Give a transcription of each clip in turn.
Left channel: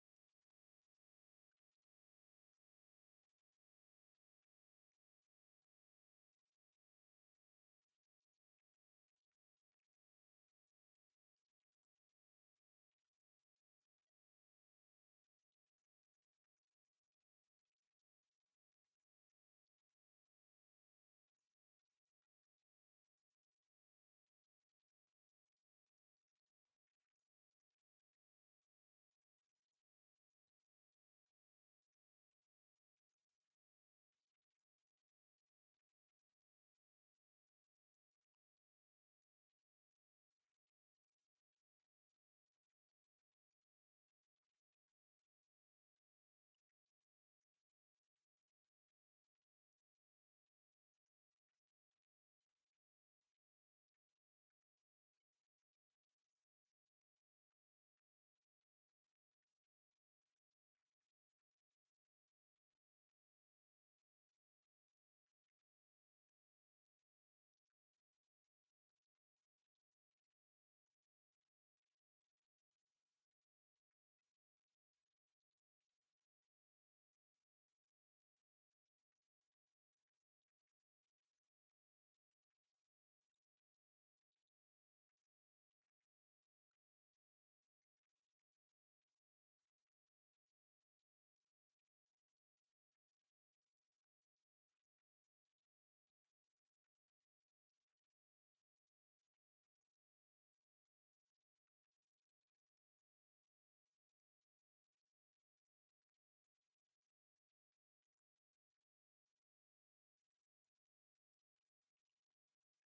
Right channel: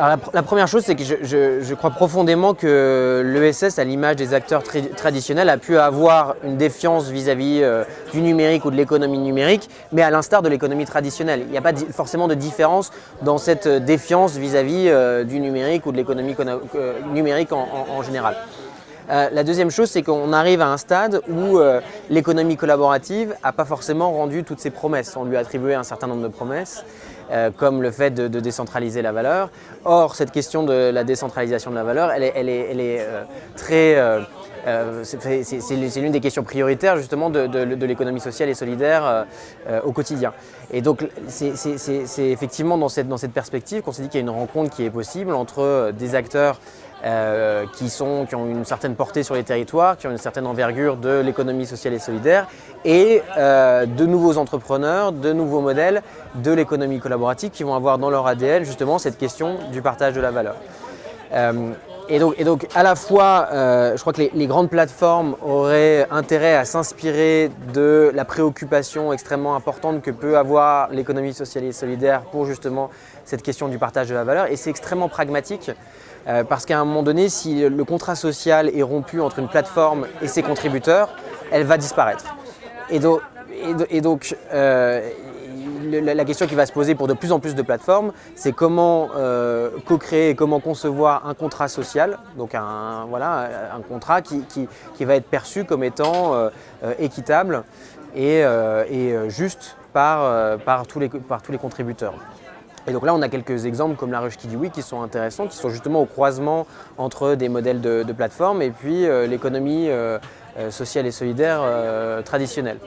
Alors la première chose, c'est que je crois profondément que l'ESS, à l'image des acteurs traditionnels, a pu avoir une défiance vis-à-vis du numérique ou de l'économie numérique, mais à l'instar de l'économie traditionnelle. Il n'y a pas forcément de différence dans cette défiance vis-à-vis du numérique ou de l'économie numérique en général. La deuxième chose, c'est qu'on arrive à un stade où l'économie collaborative n'a pas forcément rendu toutes ses promesses. On lui a attribué un certain nombre de promesses, comme le fait de décentraliser la valeur. Or, cette question de la décentralisation de la valeur, c'est l'une des questions prioritaires justement de l'économie sociale et solidaire au quotidien. Et donc, c'est effectivement dans cette perspective qu'on s'est dit qu'il y a une rencontre qui est possible entre des acteurs qui ont une certaine portée sur les territoires, qui ont une certaine envergure de l'économie sociale et solidaire, et de nouveaux entrepreneurs, de nouveaux modèles de l'économie collaborative qui vont avoir dans leur ADN justement cette question du partage de la valeur. Et donc à la fois, je crois que les grandes plateformes auraient intérêt à s'inspirer de la préoccupation extrêmement importante que peut avoir l'économie sociale et solidaire pour justement cette question du partage de la valeur, et c'est extrêmement pragmatique. Parce qu'à un moment donné, si le contrat social est rompu entre une plateforme et ses contributeurs, elle va disparaître. Et donc la question qui va se poser pour de plus en plus de plateformes, c'est comment co-créer, comment concevoir un contrat social, donc un contrat qui va être perçu comme étant équitable et juste par tous les contributeurs. Et donc là, on a quelques exemples comme la ruche qui dit oui qui sont intéressants, qui sont justement au croisement entre des modèles de plateforme et puis l'économie sociale et solidaire traditionnelle.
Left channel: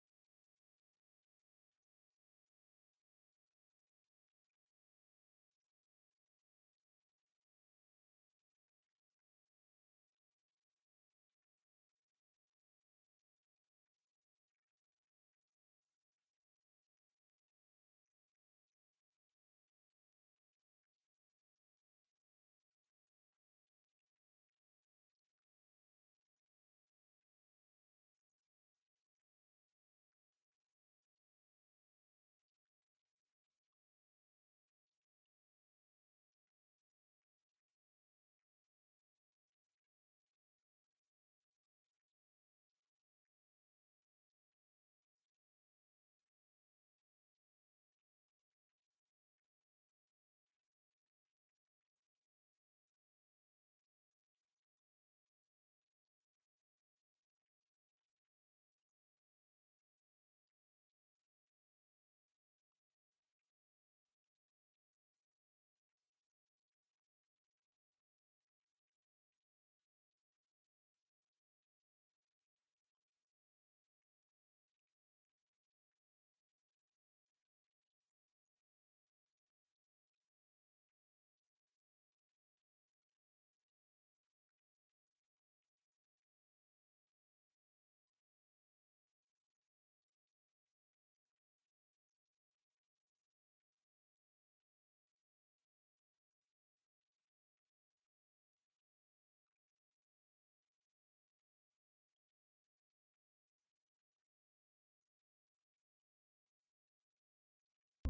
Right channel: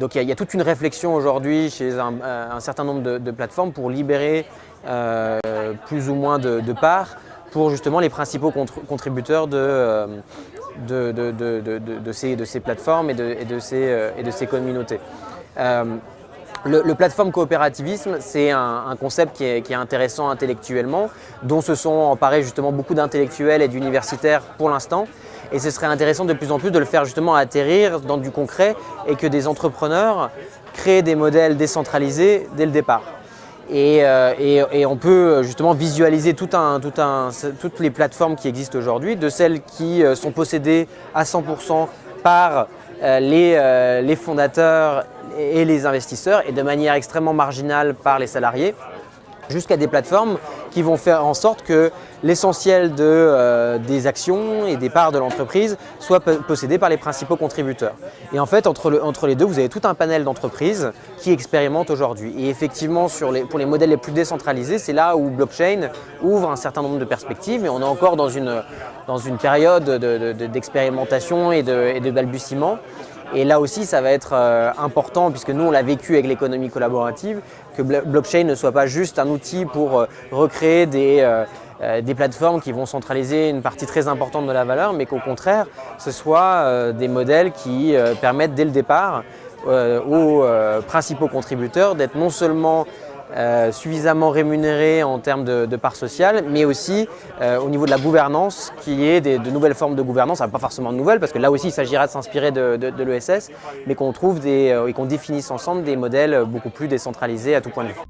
Donc il y a toute une réflexion aujourd'hui chez un certain nombre de plateformes pour libérer plus ou moins de parts pour justement les principaux contributeurs de ces plateformes et de ces communautés. Le plateforme coopérativisme, c'est un concept qui est intéressant intellectuellement, dont se sont emparés justement beaucoup d'intellectuels et d'universitaires pour l'instant. Et ce serait intéressant de plus en plus de le faire justement atterrir dans du concret et que des entrepreneurs créent des modèles décentralisés dès le départ. Et on peut justement visualiser toutes les plateformes qui existent aujourd'hui, de celles qui sont possédées à 100% par les fondateurs et les investisseurs et de manière extrêmement marginale par les salariés, jusqu'à des plateformes qui vont faire en sorte que l'essentiel des actions et des parts de l'entreprise soit possédé par les principaux contributeurs. Et en fait, entre les deux, vous avez tout un panel d'entreprises qui expérimentent aujourd'hui. Et effectivement, pour les modèles les plus décentralisés, c'est là où blockchain ouvre un certain nombre de perspectives. Et on est encore dans une période d'expérimentation et de balbutiement. Et là aussi, ça va être important, puisque nous, on l'a vécu avec l'économie collaborative, que blockchain ne soit pas juste un outil pour recréer des plateformes qui vont centraliser une partie très importante de la valeur, mais qu'au contraire, ce soit des modèles qui permettent dès le départ aux principaux contributeurs d'être non seulement suffisamment rémunérés en termes de parts sociales, mais aussi au niveau de la gouvernance, qu'il y ait de nouvelles formes de gouvernance, pas forcément de nouvelles, parce que là aussi il s'agira de s'inspirer de l'ESS, mais qu'on trouve et qu'on définisse ensemble des modèles beaucoup plus décentralisés à tout point de vue.